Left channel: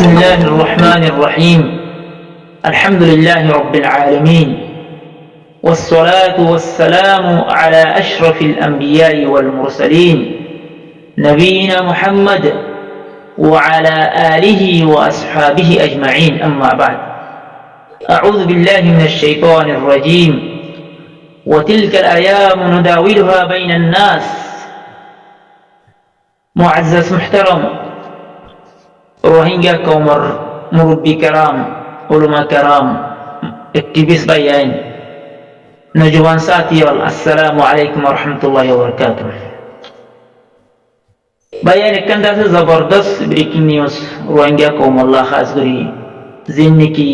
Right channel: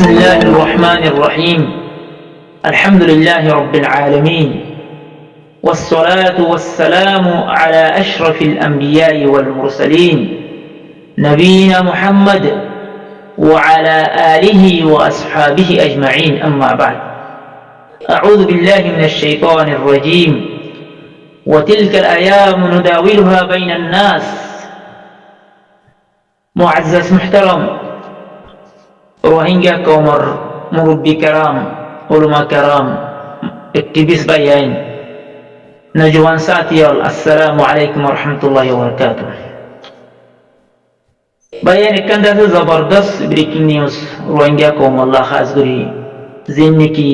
بسم الله الرحمن الرحيم الحمد لله رب العالمين والصلاة والسلام على أشرف الأنبياء والمرسلين نبينا محمد وعلى آله وأصحابه أجمعين أما بعد أعوذ بالله من الشيطان الرجيم وتلك الأيام نداولها بين الناس معزز محترم রোহিঙ্গা কওমের মুরব্বী کرام উলামা کرام একটিভিস্ট ভাইয়ান নওজওয়ান সাথীল আসসালামু আলাইকুম ওয়া রাহমাতুল্লাহি ওয়া বারাকাতুহু ভাইয়ান এখানটা আছে জবরদস্ত ব্রেকিং নিউজ রোহিঙ্গা কওম আল্লাহ খাস করি জিন্নকি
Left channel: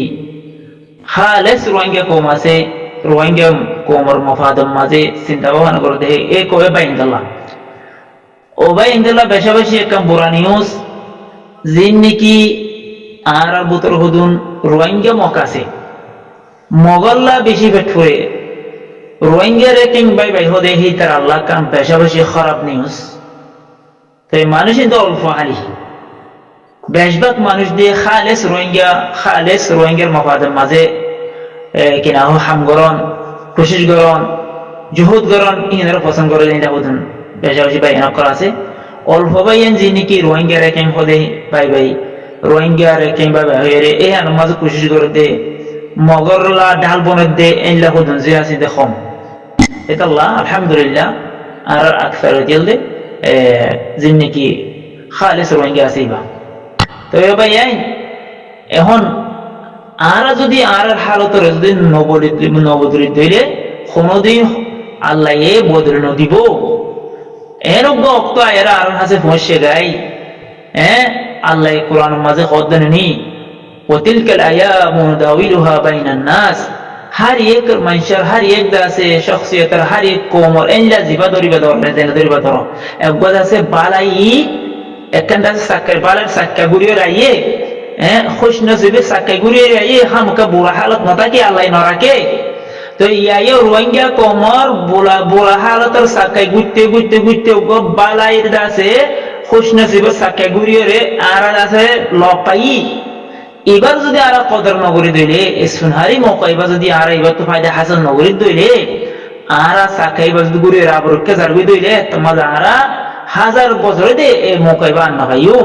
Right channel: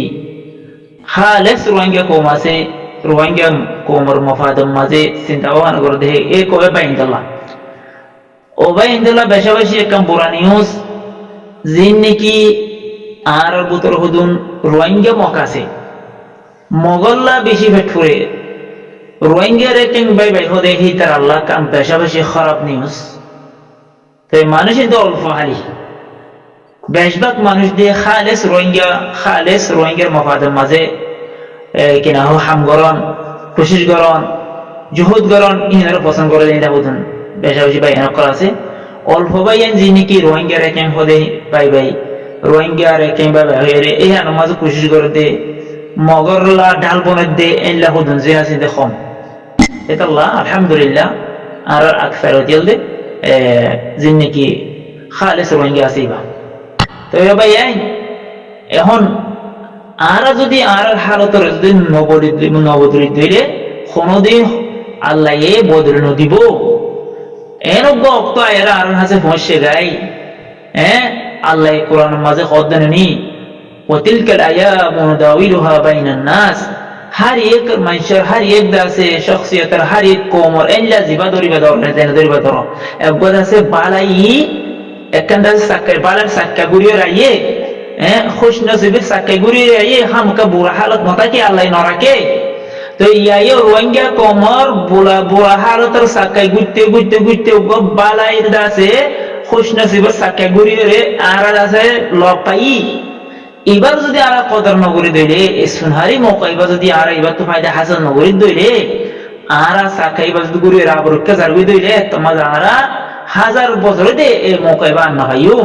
খালেস রোহিঙ্গা কওম আছে রোহিঙ্গা কওমের মফাদম মাঝে চিন্তা ভাবনা করে দেখে এ কবে বাইন্দাল্লাহ ও বাইন্দাল্লাহ বেশাবেশি একদম বুরা নিউজ জিন্নকি আর বুতর হুদুন রোহিঙ্গা মকাছে মগল্লা বেশি ফেটফুরে রোহিঙ্গা রেকিং বাই বাই হদে হি তার আল্লাহ কাম বেশাবেশি খারাপ নিউজ তো মানুষ কিন্তু অল্প হালি বেশভাগ মানুষ দিয়ে খালেস রোহিঙ্গার মফাদের মাঝে কিনা হামগরণ কোশিশ গরণ জুহুদ গরণ ইনারা পছন্দ করে দিন হুদুন বেশাবেশি বাই এনক করা আছে অল্প বাইন যিনি রোহিঙ্গা রেকিং হদে বাই বাই রোহিঙ্গা রেকিং বাই বাই হয়ে এই আন মাঝে কোশিশ করে দে মগরলা ডাল বনের দে এনলা হুদুন যে আছে দে কম এটা আল্লাহ আলহামদুলিল্লাহ আর আকসার হইল দে যিনি কি খালেস রোহিঙ্গা আছে বা তো ভাই এখন আর যদি আর হালতের যদি নবদলিত দিলে কোনদিন আল্লাহ এ বদলে নদিব এরকম অক্ত এরা আর হাসে পৌঁছে গাই আল্লাহ কোরআন মাঝে কদ্দানি ওয়াতিলকাল আয়ামু নুদাউলুহা বাইনান নাস হর এক মানুষের হর এক দাসে শখসিয়তের হর এক কওমর এনলা জিবা দরিবা ধর একগদ আছে বালাই একখানটা সাক্কার বালার সাক্কা গুরিয়ে রাইয়ে খুশ নসিবে সাক্কা গুরিয়ে রাইয়ে হামকা বুড়া হালত নতাকে আল্লাহ নরাকে তো ইয়ায়ে রোহিঙ্গা কমর বুড়া হালতের সাক্কাই গুইতে বালাইর দাসে খুশ নসিবে সাক্কা গুরিয়ে রে আর আছে লপাই এবার যদি আর কদর নগরী দইলে সুনহারি মৌকা এবার যদি আর এবার তো ফায়দা হাসন নগরী দইলে আর সাকাই বা যদি গুরিয়ে আবরুকে জারগুই দইলে তোমার আর হাজার বছরে দে এ মৌকা এবার আন্না ভাইও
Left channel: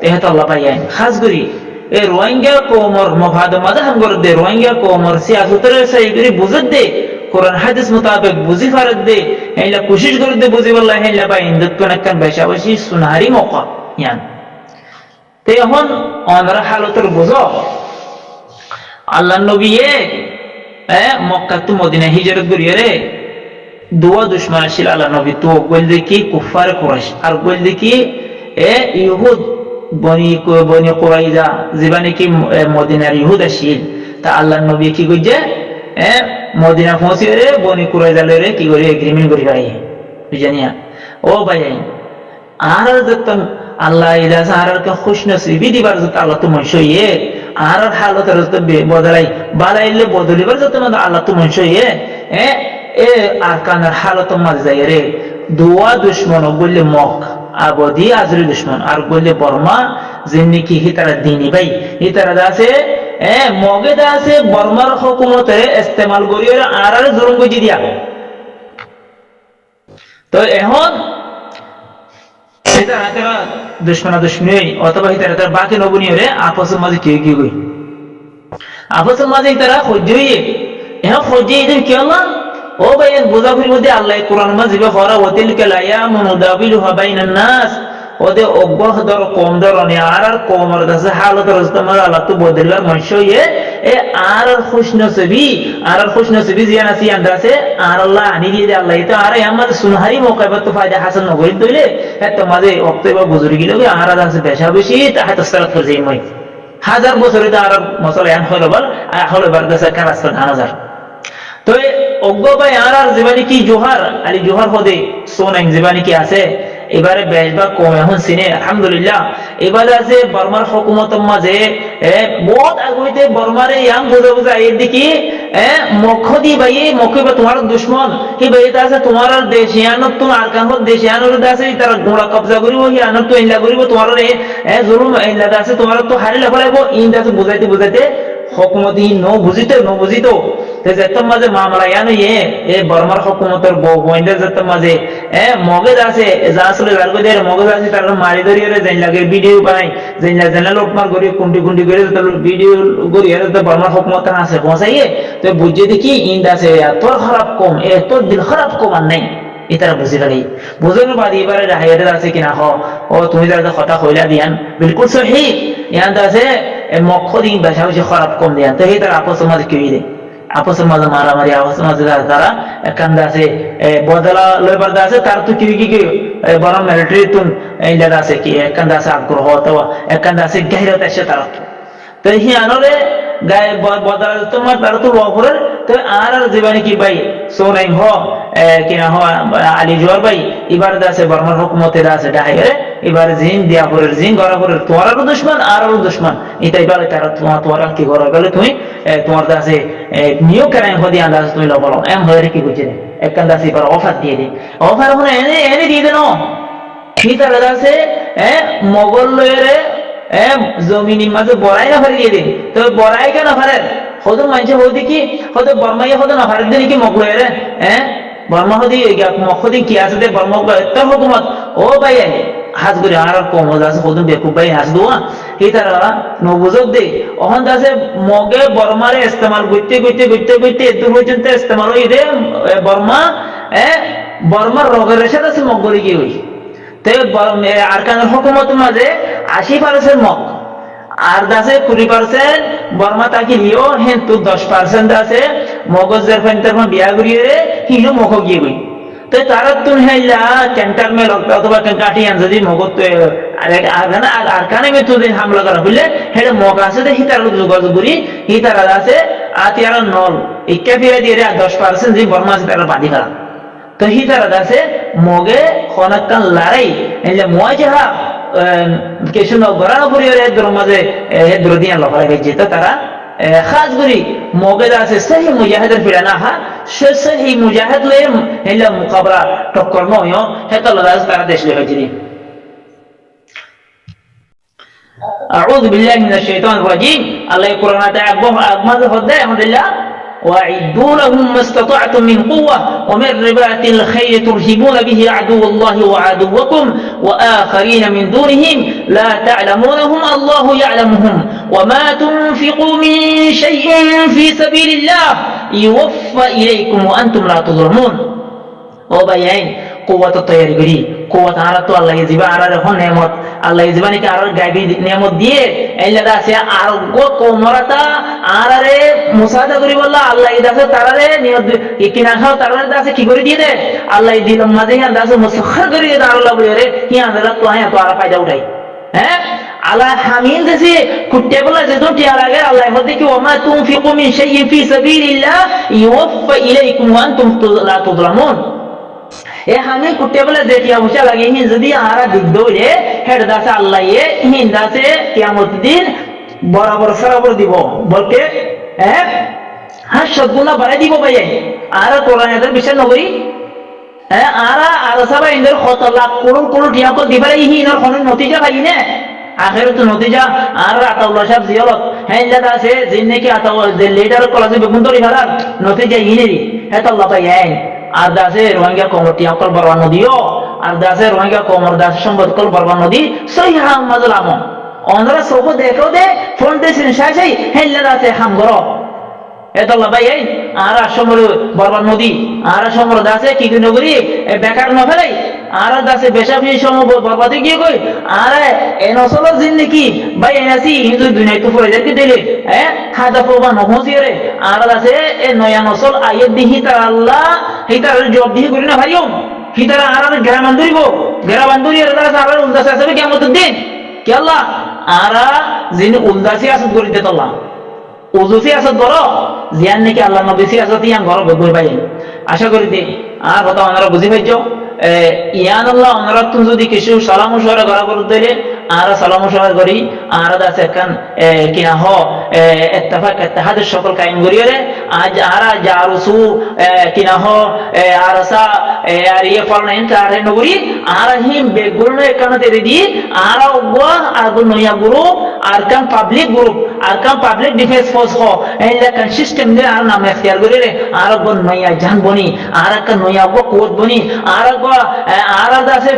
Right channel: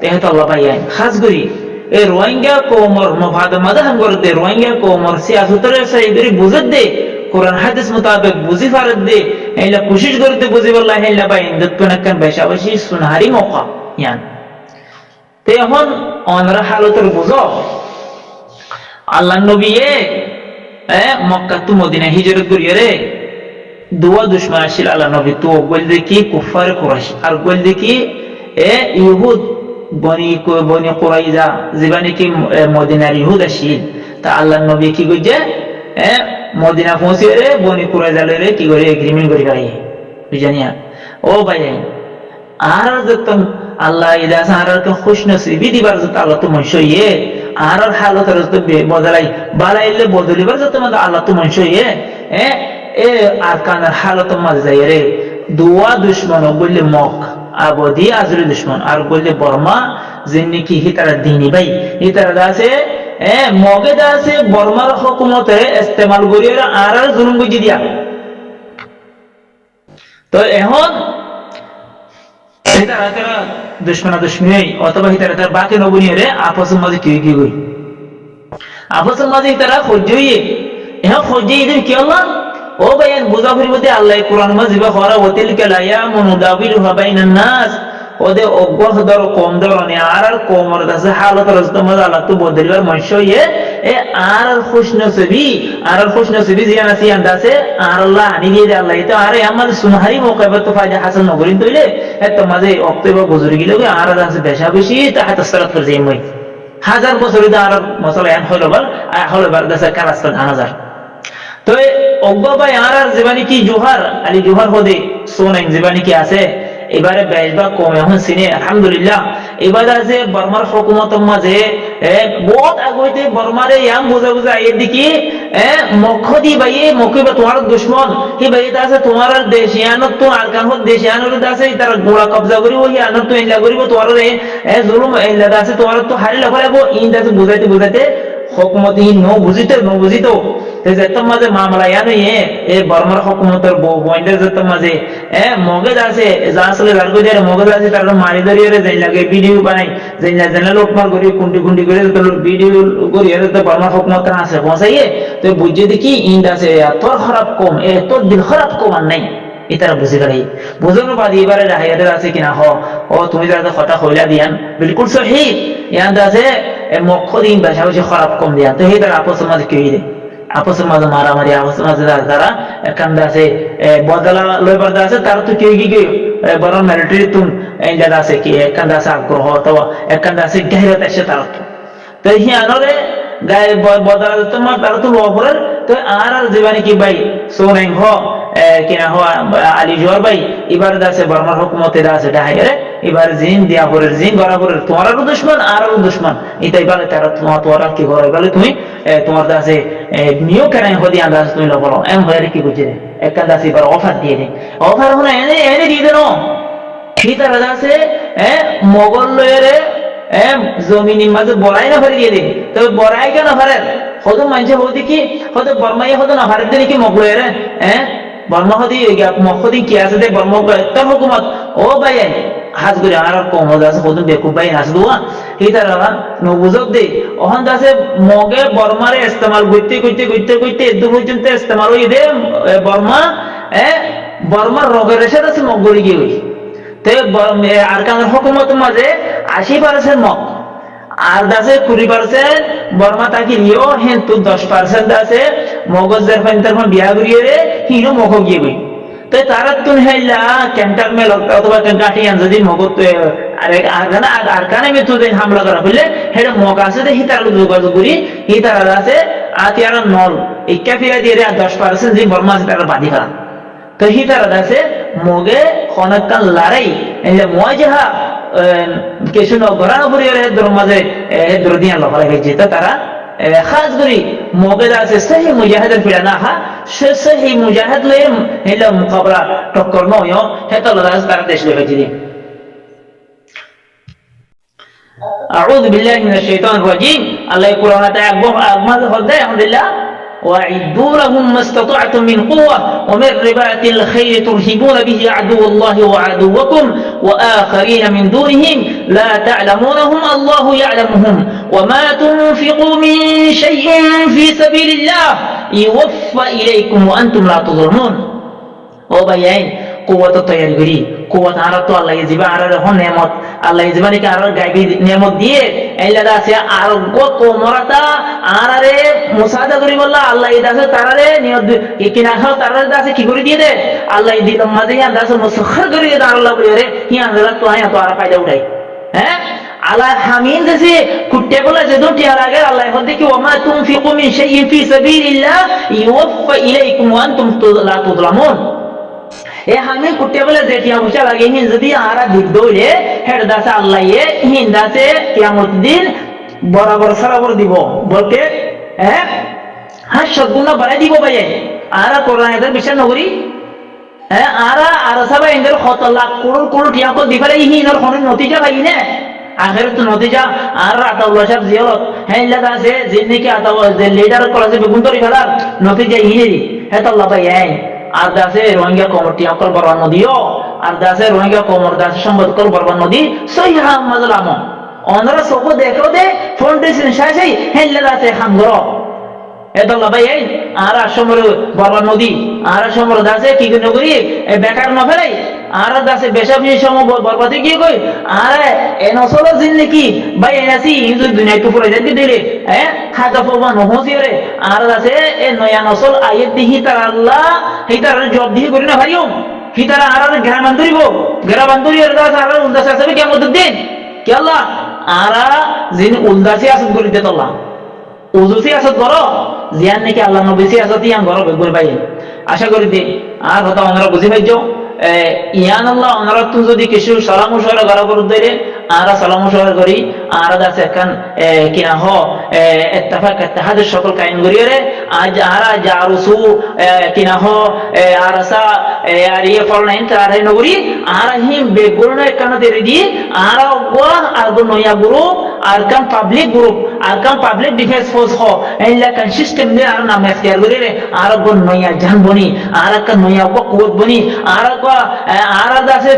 তেহেত আল্লাহ পাইয়াই খাস করি এ রোহিঙ্গা কওমর মফাদ মাঝে হাম করে দে রোহিঙ্গা কওমর সিয়াসতের সাইগরি বুঝত দে কোরআন হাদিস মোতাবেক বুঝি ফারত দে এইলা কোশিশ করে দে বুঝি বল্লাহ এইলা পাই ইন্দত কোন একখান বেশাবেশি সুনহারি মৌকা ইয়ান তে এখন অনরা হালতের বুঝো আল্লাহ নবী মক্কা তো মদিনা হিজরত করিয়ে রে দুয়া দুশ্মন আসিল আল্লাহ নবী তো বল দেখি কুফার কুরাইশ আর বল দেখি ইহুদ বনি কুরাইজা জীবানে কি মদিনার ইহুদ আসিল তা আল্লাহ নবী কি কইছে মদিনা পৌঁছিয়ে রে বনি কুরাইজা রে কি করে এগ্রিমেন্ট করি পাই বুঝানিয়া ও ভাই আর যতন আল্লাহ ইদাস আর খুশ নসিবি দিবার যত আল্লাহ তো মনসইয়ে আর হালতের যত বদলাই বালাইলে বদলিবার যত আল্লাহ তো মনসইয়ে আর কানার হালত মাঝে যাই রে দুয়া দুশ্মন বললে মক আবদি আজরি দুশ্মন আর বললে বর্মা যিনি কি হিতারা দিনী ভাই হিতারা দাসে মগে দাসে বর্মার হুকুমতে ইস্তেমাল করিয়ে আর জুলুম গজি দিয়া তো এখন তারা দুশ্মনী অথবা তারা বাকি নবনীয় রে আপসের মাঝে কি কই আপসের মাঝে তারা সহ্য হইয়ে এখন সহ্য দিন কি আল্লাহ ও ভাই বুঝাফুরির মধ্যে আল্লাহ কোরআন মাঝে হরা ওয়াতিলকাল আয়ামু নুদাউলুহা বাইনান নাস ওদে অজ্ঞ দর কম দরনে আর কমর দাসে হালত রস্তমাজ আল্লাহ তো বদলিবার মনসইয়ে আর খুশনসিবি জিয়ান আছে আন্দাসে আর আল্লাহ আনি দিয়ে দে আল্লাহ তো আর আমাদের সুনহারি মৌকাবার তো ফায়দা হাসন নগরী দইলে তো মাঝে অক্টোবর গুজরি গিল আর আছে বেশা বেশি তাহাত সারাত করে যাই মই হাজার বছরে আর মশলা এন হলো বার দাসে কালাস্তা 1000 তো অজ্ঞ ভাই আর জীবানি কি জোহার আলী জোহার হদে সোনাইন জীবানি কি আছে এবারে বেশভাগ কম এখন সিনে আলহামদুলিল্লাহ এবারে আছে বর্মার হুকুমতের মাঝে বহুত আগুইতে বর্মারে ইয়াং বুঝে আইয়ের দিকে মক্ষ দি বাইয়ে মক্কি বা তোমার দুশ্মন হি বাইয়ে আছে তোমার দেশিয়ানত তুন আরকান হল দেশিয়ানোর আছে তার গোড়া কবজা করিব হি আনত তো ইল্লা করিব তোমার জুলুম ইল্লা আছে তোমার তো হারি লাগাইব ইন আছে বুঝাইতে বুঝাইতে হকুমতি ন বুঝিত যেতম মাঝে মামলা ইয়ানো এ বর্মার হকুমতের বইন্দের যেতম মাঝে মগজ আছে যা আসলে যার করে মগজ আছে তার মারি ধরিয়ে যেন লাগে ভিডিও বানাই যেন লোটমার করি কুন্টি কুন্টি করে ভিডিও করি তো বর্মার হকুমতের আছে পৌঁছাইয়ে তো বুঝে দেখি ইন্দ আছে তোর খারাপ কম তোর দিল খারাপ কম আর নাই ইতারা বুঝি ফেলাই বুঝানো বাদ এবারে রাহাইয়াদের আছে কিনা ও তুমি যারা কথা হইলা দিয়ান বিলকুল সহি ইয়ান আছে মক্ষ দিন বেশা বেশি খারাপ কম দিয়ান তো সেই তারা আপসের মাঝে কেউ দেয় আপসের মাঝে মারামারি আপসের মাঝে তারা একান্দা আছে বদলা লইবার আছে তার তো কেউ কি বরং মিলিটারি তুন ইলাদা আছে কি একান্দা আছে আগ্রহ অথবা একান্দা আছে গাহিরত আসে তারা তো হি আনরে গায়ে বদলা তোমার তারা তো লফরের তো আর জীবানি কি ভাই সোনাই কিনা আলী জোয়ার ভাই এবার আছে বর্মার হুকুমতে আছে ডাহাইরে এবার জিন দিয়াপুরের জিন গড়াপুরের তোমারও দুশ্মন আরও দুশ্মন এটাই বলে তারা তোমার কি করার গেলে তুমি তোমার আছে নিও কেরাই হদি আন্দাজ তুমি লবলো এম হয়ে কি বুঝি রে এক কান্দাস এবার অফার দিয়ে দে অফার হলে এনে দিয়ে দেন কি তারা আছে মগল লয়েরে জমিনের মাঝে বড়াই না ফারি দিয়ে দে তো বড়াই কেন ফারের হয়তো মানছে হদি কি হয়তো বর্মাই হয়তো না ফারি দিয়ে নাকি মগল লয়েরে বর্মা হদি মক্ষদিন কি আছে দে বর্মা তোর হুকুমত ও ভাই হাজ করে আর কম আছে হদিন বেকুব ভাই হাস দোয়া এই তারা নবুজক দে ওখান আছে মগে বর্মারে ইস্তেমাল করতে করতে করতে করতে এদু পর্যন্ত ইস্তেমাল হই দে বর্মা বর্মার রগের এসে আছে মগলি গিয়ে হই তো আরকানের হুকুমত মাঝে 80% মগ আর দাসে 20% বর্মা তাকে লিও কিন্তু 10% আছে মগজের ফাইন বিয়া করিয়ে রে হিনো মগ গিয়ে গই তো তারা তুন হেলা ক্যান্টার মেল অথবা কাটিয়ান যদি মগত আর কানে মে তুদিন হামলা করা হইলে হেডে মগ আছে দে হিতার যোগাযোগ করি হিতারা আছে আতিয়ার নল ইকাফিয়া দিয়ে 10% যে বর্মা আছে তারা বাদি করা তো হিতারা আছে মগে খনাকান লড়াই এলে মই যাহা কিছু ঘরানো পরিবারে হেদ্র মাঝে হেদ্র দিয়ে লফালা খাইছে তো তারা খাস করি মগেদ আছে সেই মুজাহিদের ফিরা না হা সে সেই মুজাহিদ লয়ে হেলা মুকাবলা টক্কর নয় হেতল আছে তারা দেশ লয়ে খাইছে আউযু বিল্লাহি মিনাশ শাইতানির রাজিম আল্লাহ কুরআনে একদম আগমাজ হদে আলহামদুলিল্লাহ وأعدوا لهم ما استطعتم من قوة ومن رباط الخيل ترهبون به عدو الله وعدوكم وآخرين من دونهم لا تعلمونهم الله يعلمهم وما تنفقوا من شيء في سبيل الله يوفى إليكم وأنتم لا تظلمون وبيان قوة الطياري قوة عرض الله يجيب عرض هون نعمت الله يجيب نك عرض গাইবি নিয়ামত দিয়ে এলাদা আছে আর গো কোমরাতা আরারে মুসাদা করি বললা আল্লাহ ইদাসে তারারে নিয়ত কিনা খাও তারারে দাসে কি করে দিয়ে দে আল্লাহ দিলম মাঝে হিয়ান দাসে মুসাখর করে দে আল্লাহ বলে রে হিয়ান দাদা তো আয়া তো আর ফায়দা উঠাই আল্লাহ হামিন দেশে কুট্টে বলা যে দুটি লাগে আল্লাহ হদে কি ওমা তুনফিকু মিন শাইইন ফি সাবিলিল্লাহ ইউফা ইলাইকুম ওয়া আনতুম লা তুযলামুন এ হামিন কুট্টে বলে যে টিয়া পয়সা লাগে হিন যদি আরা দিক দইলে হেড দাসে আল্লাহ হিন দাসে কিয়ামত দিন বরাবর সরাবর দিব বলতে সদ্গুণা বাড়াই দিব ভাই আর কোরআন এদের বিশ্বাস নকরি আর সবাই এদের কত লাখ করুন করুন টিয়া কল দিবে হিনর কোনো নতিজা ভাই নে আখেরত নতিজা আর আতাউল্লাহ সাহেব জিয়ালত হেল্লাদ আছে জিন নাকি আতাউ যে লিডার কলেজে বেগুন তরি ফেলার নতিজা হিনেরি হেতাল্লাহ ভাই আর দাসে রোহিঙ্গা কমর টিয়া কল বরবান নদীও আর দাসে রোহিঙ্গা কমর দাসে সম্পদ কল বরবান নদী সহি হাম মাজল আমন অনরা সব দেখো দে ফাউন্ডেশন শাসি হেল্লাদ আছে হাম গরো এদল্লা ভাই আর সমর বরবান নদী আর সমর দাসে কি নগরী বেকার ন ফেলাই আর দাসে বেশাবি সময় বরবাদে গিয়ে কই আর এ নসল জিন্দেগি ভাই এনাসি হিন্দু দুনিয়ায় তো ফুরাই যারকি দিলে খাদা পড়বা নহসি রে আর দাসে এ নয়া নসল আইয়ে দিহি তার আল্লাহ হিতার জব দিহি করি না ভাইও হিতারা আর ঘেরা বান্ধরিব ঘেরা বান্ধরি আর দাস আর উলদাসে আসবে কেমন দিন কে আল্লাহ আর যিনি উলদাসি আসত করি দে আল্লাহ ওজুসি আসত করো জিয়ান নাকি আল্লাহ নবীসি আসত ইয়ান ঘর বেগুন পাই আশা করি দে আর হতা ওনারা বুঝি পাইছ ইয়ান আল্লাহ ওনারা তুমি যদি কিছু সালাম মুশাওয়ারা করা করে দিলে আর সালাম মুশাওয়ারা করি আর আছে কান কিনা হ ইত্তেফাক ইত্তেহাদের সকল কায়েম করিয়ে আজ আরা জারুসু কিনাহ আরসা আর ইয়ে ফলনাইন তার নগরী আর হিম বেগুরনে কানাতে রেডি আর ওয়া আর নয়া group Arakan public group Arakan public defence force হ এলা কান সিস্টেম দে আর নাম এখতিয়ার করিয়ে আর গো নয়া জান বনি আর কা নয়া গো কুওত বনি আর গো আর দাসে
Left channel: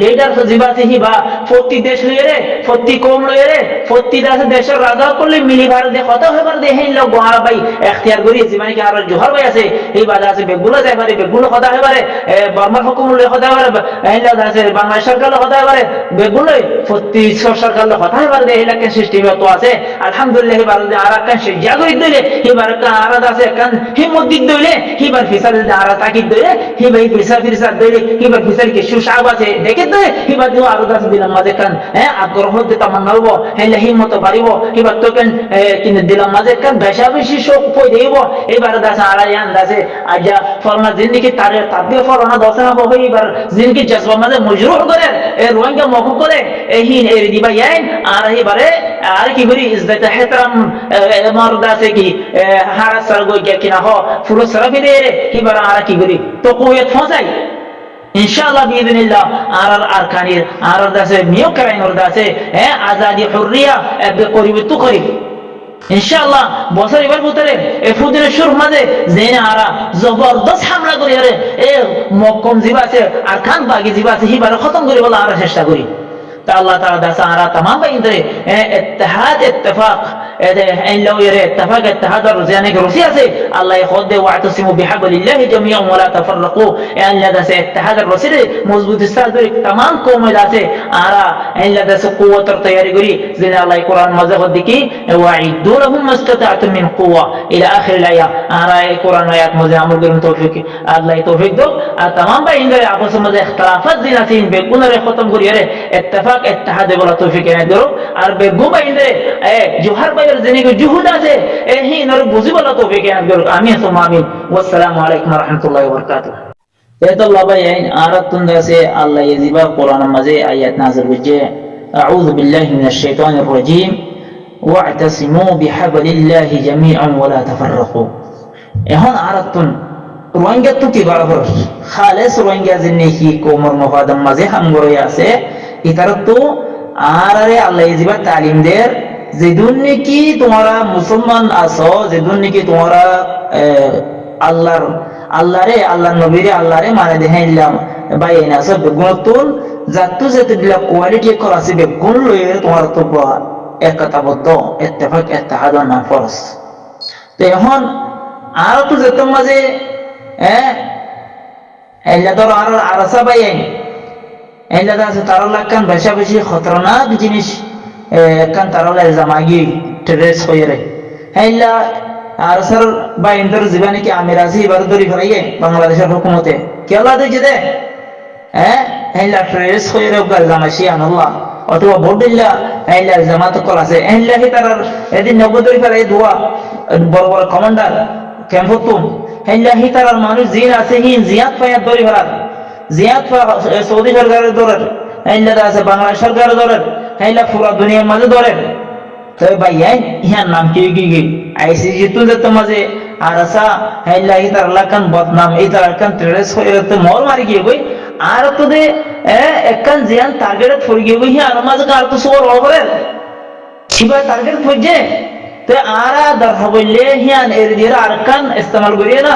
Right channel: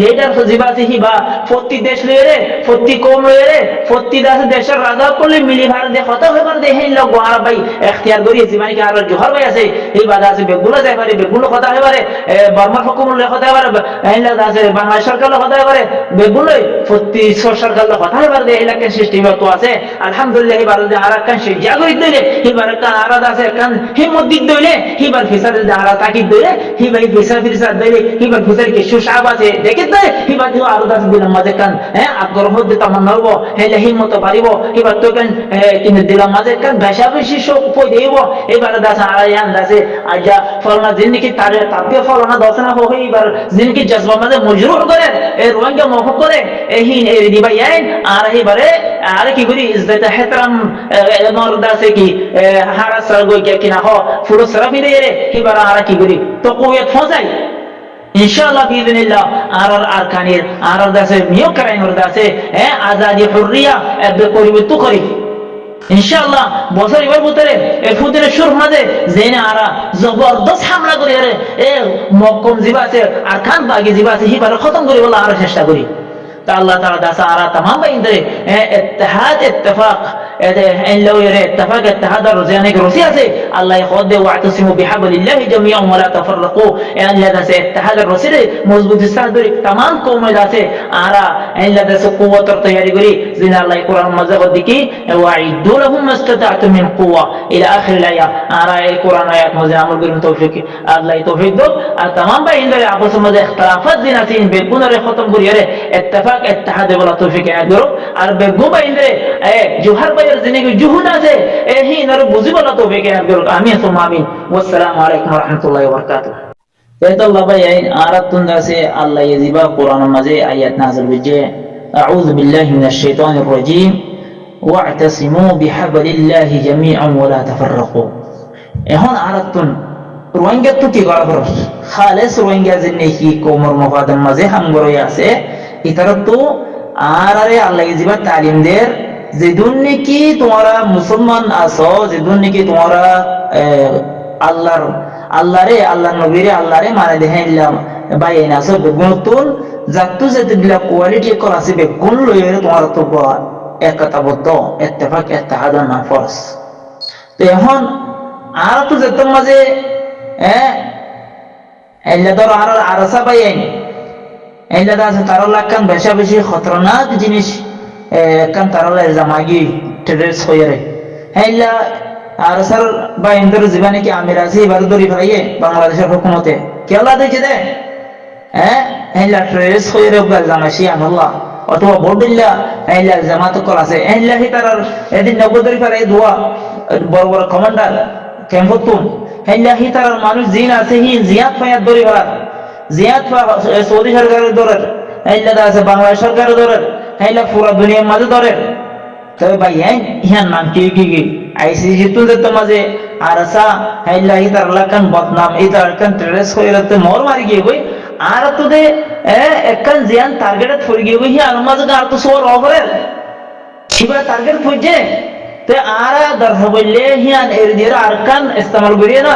লিডার জিবাসি হিবা প্রতি দেশ লইরে প্রতি কম লইরে প্রতি দাসে দেশের রাজা করলে মিলি ভারতে কথা হয়ে পারে হেন লোক গোহারা ভাই এখতিয়ার করিয়ে জীবনে কি আর জোহর ভাই আছে এই বাজা আছে বেগুলো যাই পারে বেগুলো কথা হয়ে পারে বর্মার হুকুম লই কথা হয়ে পারে হেলা দাসে বাংলাদেশ সরকার কথা হয়ে পারে বেগুলো প্রতি সরকার কথা হয়ে পারে এই লাখ সিস্টেম তো আছে আলহামদুলিল্লাহ এবার যে আর কান সে জাগরিত দিলে এবার কান আর দাসে কান হিম্মত দিত দিলে এবার ফিসার যে আর তাকিদ দিলে এবার ফিসার দিলে এবার ফিসার কে সুশাব আছে দেখে দিলে এবার যে আর দাস দিলাম মাঝে কান আগ্রহ দিতে তামান্না হবো হেলে হিম্মত বাড়িব এবার তো কান কিনে দিলাম মাঝে কান বেশা বেশি শোক পই দেব এবার দাস আর ইয়ান দাসে আজা ফলনা জিন্দিগি তার তাবিয়ে ফলনা দশনা হই এবার জিন্দিগি জজবা মাঝে মজরুর করে এ রোহিঙ্গা মফক করে এহিন এ দিবা ইয়াইন আর এবারে আর কি করি ইজ্জত ইহতরাম মর্দা সে কি হারা সর গই কিনা হ ফুলো সরফি দে রে এবার আর কি করি তো কুয়েত ফসাই ইনশাআল্লাহ বিইذنিল্লাহ আর কানির আর দাসে মিও করাই ওর দাসে আজাদি হুররিয়া বে করিব তু করি ইনশাআল্লাহ বছর এবার ভিতরে ফুদিনের সুর মাঝে জেনে আরা জবরদস্ত হামলা করি আরে মক্কম জিবা আছে আর খান বাগি জিবা আছে হিবার খতম করি বলা আর চেষ্টা করি তা আল্লাহ তাআলা দাসা আরা तमाम বাইন্দরে ইত্তেহাদ ইত্তেফাক ان لو يرى اتفاق اتحاد الرزيان روسيا سے اللہ خود دے واعتصموا بحبل الله جميعا ولا تفرقوا ان لدى سے اتحاد الرسول مضبوط استاد تمام قوم دا سے آرا ان لدى سے قوت اور تیاری گری زنا اللہ قرآن مزہ خود کی واعدوا لهم ما استطعتم من قوه الى اخر الايه آرا قرآن آیات مزہ عمل کرن توفیق اللہ توفیق دو تمام بھائی آپس میں اختلافات زنا سے بے گنہ ختم کری ارے اتفاق اتحاد بلا توفیق نہ کرو اور بے گو بھائی جو ہر জিনিস জুহুদ আছে এই নর বুঝিবলা তো বেকেন করুক আমিন সুম্মা আমিন ওয়াসসালামু আলাইকুম ওয়া রাহমাতুল্লাহি ওয়া বারাকাতুহু তাইতাল্লাহ ভাই আরাতুন দাসে আল্লাহ ইয়াজিবা কোরআনের মাঝে আয়াত নাযিল করছে আউযু বিল্লাহি মিনাশ শাইতানির রাজীম ওয়া'তাসিমু বিহাবলিল্লাহি জামিআন ওয়া লা তাফাররাকু এখন আরাতুন রোহিঙ্গা তো কি করা হর খালেস রোহিঙ্গা জিন্নেহি কোমর মফাদম মাঝে হামগরই আছে ইতারা তো আরে আল্লাহ ইয়াজিবা তালিম দের যেদুন নাকি তোমরা মুসলমান আছো যেদুন নাকি তোমরা আল্লাহর নবীরে আল্লাহরে মানে দেখাইলাম বাইনা আছে বেগুনতুন জাতু যেতগুলা কোয়ালিটি কল আছে বেগুন লইরে তোমরা তো একতাবদ্ধ ইত্তেফাক ইত্তেহাদ না ফরজ তো এখন আর তো যেত মাঝে এল্লা ধর আর আরসা বাইন এল্লা আছে তার লাগান বেশা বেশি খতরনাক জিনিস kan tarala zamagi tres hoyere hella arsar ba indar জীবনে কি আমিরাজি বারদরি ফরাইয়ে বাংলাদেশের হুকুমতে কি আল্লাহ দিছে দে hella tres hoyere গাল জামাশি আল্লাহ অথবা বড়িল্লা hella জামাত কল আছে hella হি তার এদিন নগদরি ফরাই দোয়া বড় বড় কমান্ডার ক্যাম্পতুন hella হি তার মানুষ জিন আছে হি জিয়াত ফায়াত দরি ফরাত জিয়াত সৌদি সরকারের দরের hella আছে বাংলাদেশ সরকারের দরের হেলা পুরা দুনিয়ার মাঝে ধরে তবে ভাই ইহার নাম কি আইসি জিতুল দত্ত মাঝে আরসা হেলা ইতার লাকান বদনাম ইতার লাকান ট্রেস হইরতে মোর মারি গিয়ে গই আর তো দে একখান জিয়ান টার্গেট ফর গিয়ে গই হিয়ার মাঝে আর তো সোর অল করে কিবা টার্গেট ফজে তে আরা দর হবলে হিয়ান এর দিয়ে আরকান ইস্তেমাল করিয়ে না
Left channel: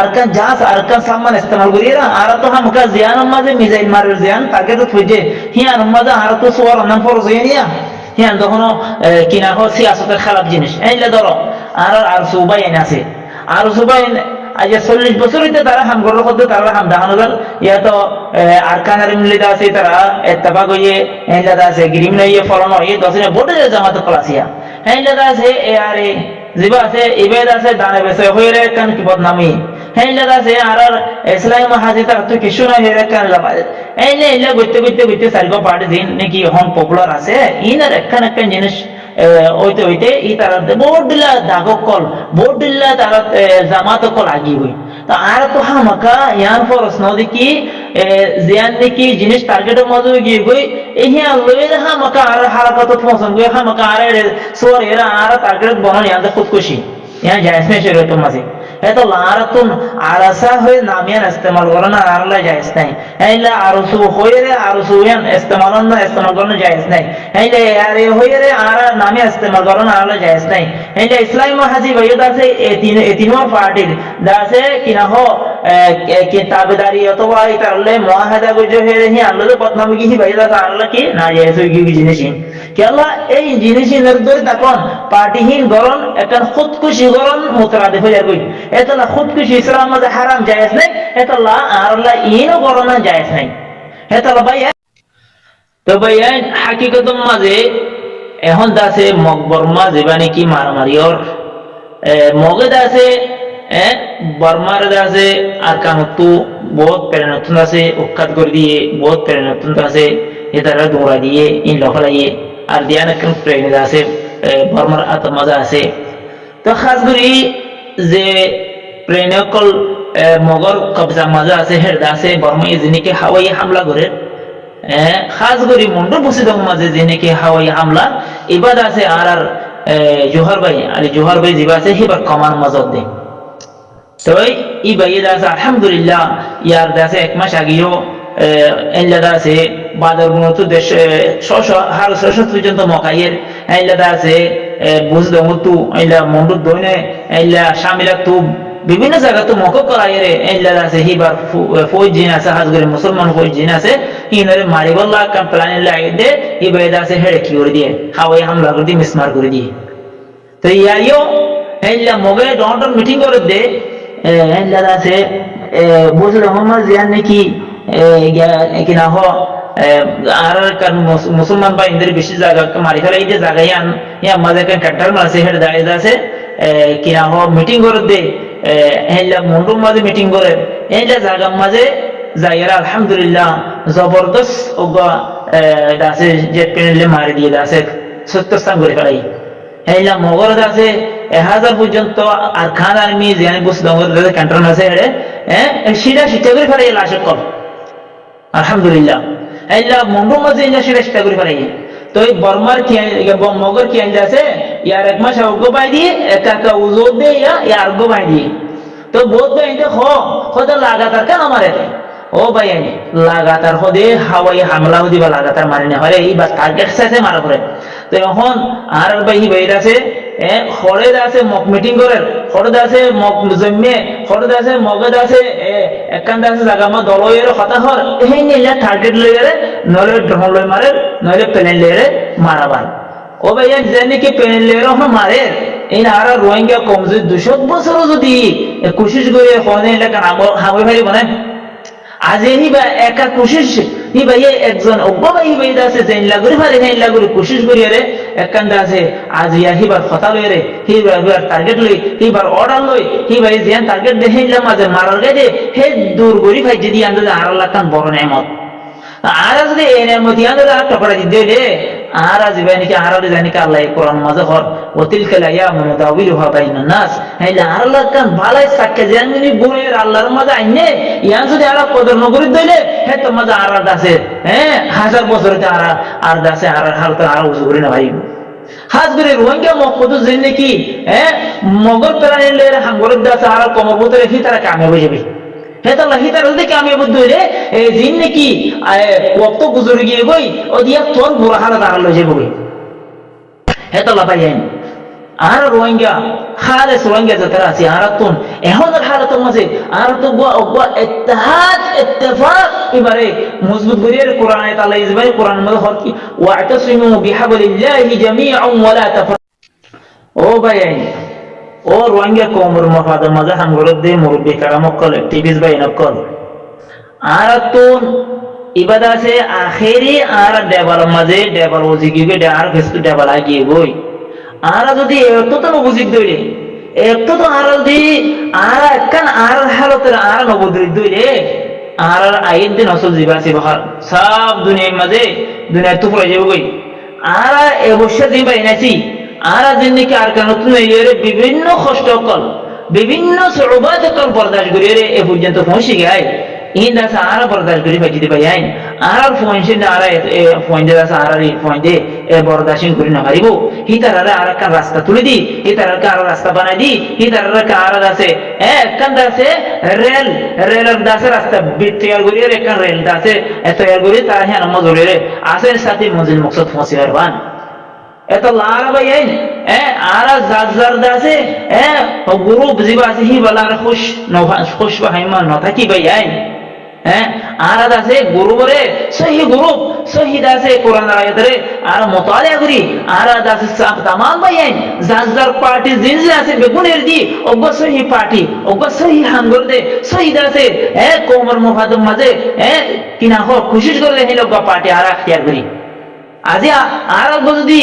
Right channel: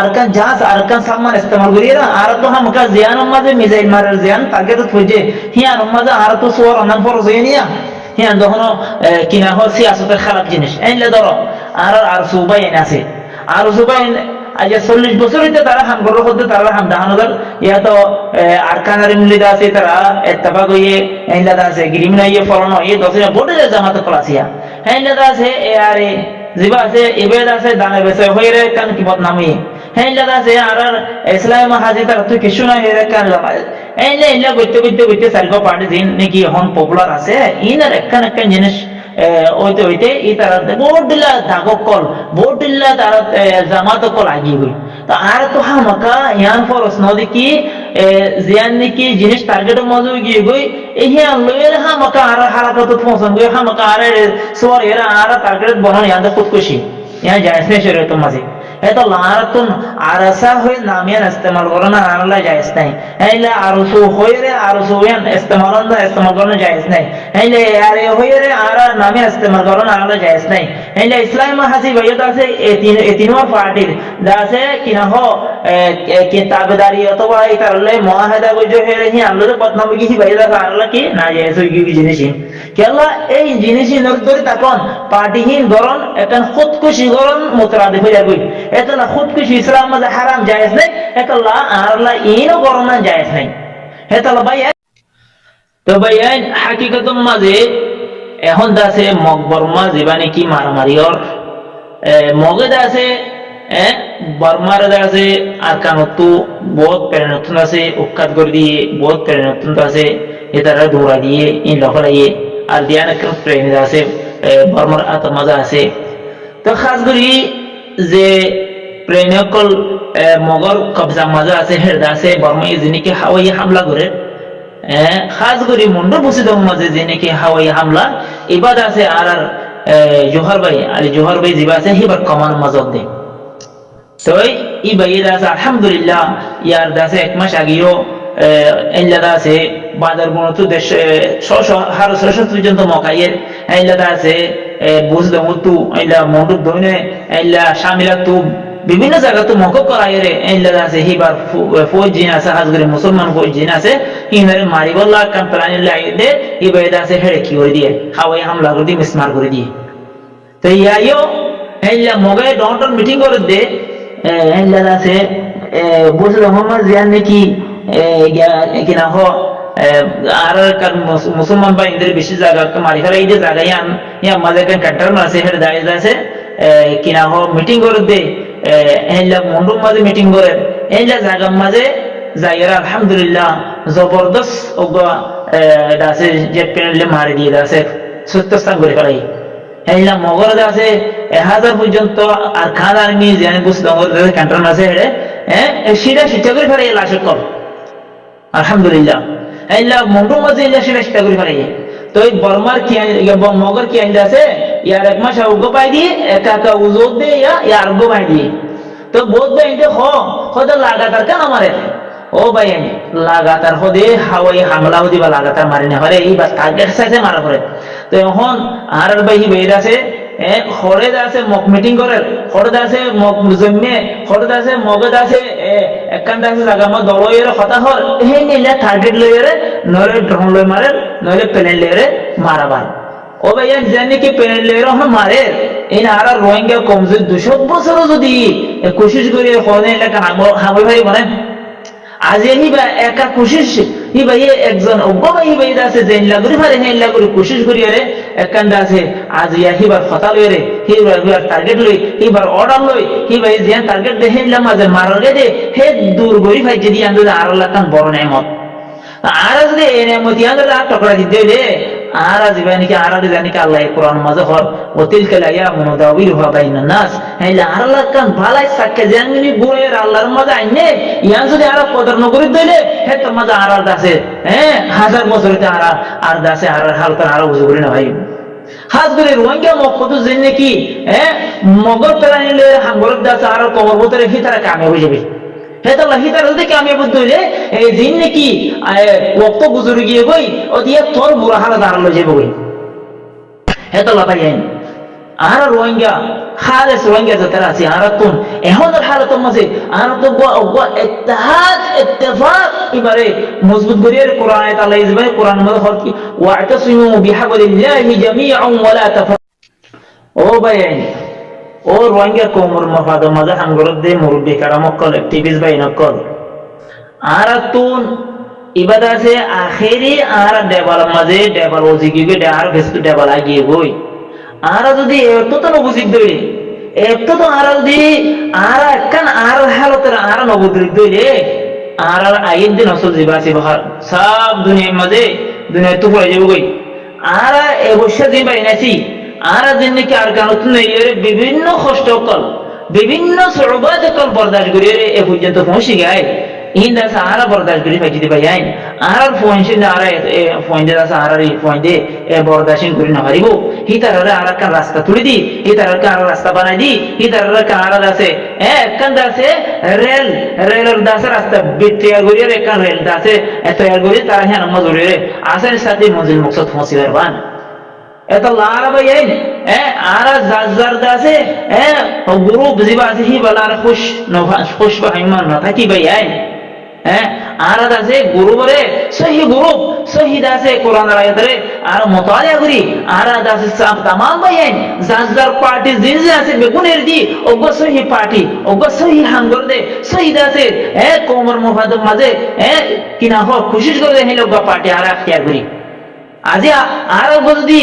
আরকান জাহাজ আরকান সামান ইস্তেমাল করিয়ে না আর তো হামকা জিয়ান মাঝে মিসাইল মারের জিয়ান টার্গেট ফজে হিয়ান মাঝে আর তো সোর অনান ফরজ হয়ে নিয়া হিয়ান তখন কিনা হয় সিয়াসতের খারাপ জিনিস এইলে ধরো আর সুবাই আছে আর সুবাই আজ 40 বছর হইতে তারা হামগর করতে তারা হাম দাহান হাজার ইয়া তো আরকানের মিলিদা আছে তারা ইত্তেফাক হইয়ে এইলে আছে গ্রিমিন হইয়ে ফলন হইয়ে দশনে বড় জামাত কলাসিয়া এইলে আছে এ আরে জিবা আছে ইবেদ আছে দানে বেসে হইরে কান কি বদনামি হেইলা আছে আর ইসলাম হাজি তার তো কিছু না হেরে কান এইলে গইতে সারগো পার্টি দিন নাকি এখন পপুলার আছে ইনার একখান জিনিস ওইতে ই তার বোর্ড দিলা দাগকল বোর্ড দিলা তার জামাত কল আগি গই তো আর তো হামাকা ইয়ান ফরস নদি কি জিয়ান নাকি জিনিস টার্গেটের মধ্যে গিয়ে গই এই হিয়া লয়ের হামাকা আর হারাকাত পছন্দ গই হামাকা আর সোর এরা আর টার্গেট বনানি আন্দা খুদকুশি ইয়া জায়েজ নাই শরীয়তের মাঝে এতো লারাতুন আরাসা হয়ে নামিয়ান ইস্তেমাল করানো আরলা জায়েজ নাই এইলা আরসু হয়ে রে আরসু ইয়ান ইস্তেমাল করানো জায়েজ নাই এইলা আরে হয়ে রে আরা নামিয়া ইস্তেমাল করানো আরলা জায়েজ নাই এইলা ইসলাম হাজি ভাইয়ত আছে এ তিনবার পার্টির দাসে কিনা হ কিতাবদারি অথবা ইতারলে মুআহাদা গজো হে রে হি আল্লাহ বদনামি কি ভাইয়ত আরলা কি না জায়েজ হই কি জিনিসিন কেলা এই জিনিসিনের ধরে তখন পার্টিহীন গরন একটা খুদকুশি গরন মুতরাদিফ হয়ে যাবে এতলা খুদকুশি ইসলাম মাঝে হারাম জায়েজ নাই এতলা আরলা ইনো গরম জায়েজ নাই এতলা ভাই তো ভাই হাকিকতম মাঝে এখন দাসে মকবর মাঝে বানি কি মারামারি ওর মগে দাসে বর্মার দাসে আর কানতু বহুত প্রেরণাত্মক আছে উৎখাত করে দিয়ে বহুত প্রেরণাত্মক আছে এটারা দৌড়া দিয়ে ইন লফলাইয়ে আর দিয়ান একদম প্রেমিক আছে বর্মার আতর মজা আছে তো খাস করি যে প্রেমিকল মগর কবজা মজা আছে হেরদা আছে বর্মা যিনিকে হাওয়াই হামলা করে খাস করি মন্ডল বসে দম মাঝে যিনিকে হাওয়াই হামলা এবার আছে আর জোহর ভাই আলী জোহর ভাই যিবা আছে হিবার কমান মাজত দে তো ই ভাই আছে আলহামদুলিল্লাহ ইয়ার দাসে এক মাস আগেও এলাদা আছে বাজার গুণত দেশ হার শেষ পর্যন্ত মকাইয়ের এলাদা আছে বুঝ দমতু এলা মন্ডুর দইনে এলা শামিলা তু বিভিন্ন জায়গা তো মক করাইরে এলাদা আছে হিবার ফৌজ জিন আছে হাজগরে মুসলমান ফৌজ জিন আছে হিনারে মারিবল্লা কাম প্ল্যান লাগিয়ে দে ই বাইদা আছে হেড়ে কি করে দিয়ে হাওয়াই হামলা করে দিয়ে মিসমার করে দিয়ে তো ইয়াইও এলা মগে ডন্টন মিটিং করে দে এলাদা আছে বুঝলে মোহাম্মদ জিয়ান নাকি কিনা হ আর মুসলমান বা ইন্দ্রের বেশি জায়গা মারি ফেলাই দিয়ে জায়গায় ইয়া মাঝে কান্টার মারছে হেড দাঁড়িয়ে আছে কিনা হ মিটিং করে দে এলা মন্ডুর মাঝে মিটিং করে এলা জায়গার মাঝে যাইরা আলহামদুলিল্লাহ জবরদস্ত ওগা দাসে জেট প্লেনে মারি দিয়ে দাসে সত্য স্থান করে ফেলাই এলা মগর আছে 1000 পর্যন্ত আর খান আর্মি জানি বুঝ দঙ্গর কান্টার মাঝে হেডে সিধা শিক্ষা করে ফেলাই লাশ কল আলহামদুলিল্লাহ এলা মন্ডুর মাঝে সিধা শিক্ষা করে ফেলাই তো এই বর্মার কি মগর কি আইন আছে ইয়ার এক মাস অজ্ঞ পাই দিয়ে একা একা উজোর দে ইয়া অজ্ঞ পাই দিয়ে তো বোধ বাইতে খোদা লাগাতার কেন মারে ও ভাই লাগাতার হদে হাওয়াই হামলা হদি বা লাগাতার মারি না হরে এই বা টার্গেট সাইজে মারা পড়ে তো এখন আর ভাই বাইর আছে খড়ে আছে মক মিটিং করে খড়ে আছে মক জন্মে খড়ে আছে মগদ আছে একান্ত আছে জায়গা মা দলয়ের কথা হর এই নিলে টার্গেট লইরে নলে ড্রোন লই মারে নলে প্লেন লইরে মারাবার ও ভাই জানি কি প্লেন লইরে মারে এই আর রোহিঙ্গা কম যদি 200 বছর যদি কোশিশ করে হনে এলাকা হামে ভারি বনে আজ হি বা একা কোশিশ হি ভাই একজন অজ্ঞ ভাই হি ভাই আছে যে লাগুরি ফারে হে লাগুরি কোশিশ করি আরে একান্ত আছে আজ ইয়া হিবার কথা লই রে হিবার টার্গেট লই হিবার অর্ডার লই হি ভাই যেন টার্গেট দে হে মাঝে মারার গে দে হে দূর গরি ভাই যদি আন্দ আর লাখান বড় নেমত আর যদি এ নেমতি আন্দ আর টকরা দি দিলে আর জীবানি কি আর জানি কি আল্লাহ কোরআন মাঝে হর ওতিলকা লায়ামুন দাউইলুহা বাইনান নাস হেলা আর লাখান ভালাই সাক্কা জানি বুড়ের আল্লাহর মাঝে আইনে ইয়ান যদি আর কদর নগরি দইলে হে তো মাঝে আর দাসে 1000 বছরতে আর দাসে আর হালত আর বুঝ করি না ভাই হাজ করে রোহিঙ্গা মক্কত জেনে কি মগর প্লানিলে হাঙ্গর দাসে আর কমর ভিতরে হি তারা কামিয়াব হয়ে যাবে হেতাল্লাহ হিতার যদি কামিয়াব দইলে এই জিন নাকি ওয়াক্ত গুজরে গিয়ে গই ও দিয়া তোর বুড়া হালত আর লই যাবে গই হেতাল্লাহ ভাই আর রোহিঙ্গা খালেস রোহিঙ্গা যারা আছে আর তুন এহনের হালতের মাঝে আর তো গোয়া ইত্তেহাদ ইত্তেফাক এবারে মজবুত করিয়ে কোরআন আয়াত আল্লাহ ইজবাই কোরআন মধ্যে হর কি ওয়াতাসিমু বিহাবলিল্লাহি জামিআন ওয়া লা তাফার ও ভাই ও রোহিঙ্গা কওমের মফাদ মাঝে হাঙ্গরত দে মুরব্বি কারামকল অ্যাক্টিভিস্ট ভাই নকল আর তুন ইবাদা আছে আখেরি আর ডেবাল মাঝে ডেবাল ওজিগিগে আর ফেসবু ডেবাল আগিয়ে গই আর যদি এত তো নবুজিক দইলে এত তো আর যদি আর একখান আর হালতের আর নবদ্রিক দইলে আর আইন দিন আসল জীবাসী বহার সব দুনিয়ার মাঝে দুনিয়া তো পড়ে যাবে গই আর এবছর দিন পাই নাছি আর দিন নাকি আর কারণ এরিয়ারে বিভিন্ন কষ্ট কল বিভিন্ন সরবাদ কল বরদাস্ত করিয়ে এ পর্যন্ত পৌঁছে গায় inda sahara bordash guri fajidi bayain arar foinsin ara foinde da sahara ri foinde bordashin guri na haribo hitarara arakan rasta tuli di hitarara kan rasta banai di hitarara kan ara dase kan dase reler dase rasta bityar guri re kan rel dase toyar guri tara hian mazuri re asen sati manzil maqsad phosi barban এত লারা ভাইয়েন আরা জাজার দাসে group জিবাসি হি বলার খুশ খুশ বাহাইমান ন থাকি ভাইয়েন আরা দাসে গ্রুপরে সহি group সহি দাসে কোরআন আয়াতরে আর মুতালিয়া করি আরা দাসে সব तमाम ভাইয়েন জাজার পার্টি জিনজে আছে বেগুনের দি অগ সহি পার্টি অগ সহি হাঙ্গর দে সহি দাসে কোমর মুফাদম মাঝে কিনা হ খুশি করে হে লোক পার্টি আরা এখতিয়ার করি আজি আর যদি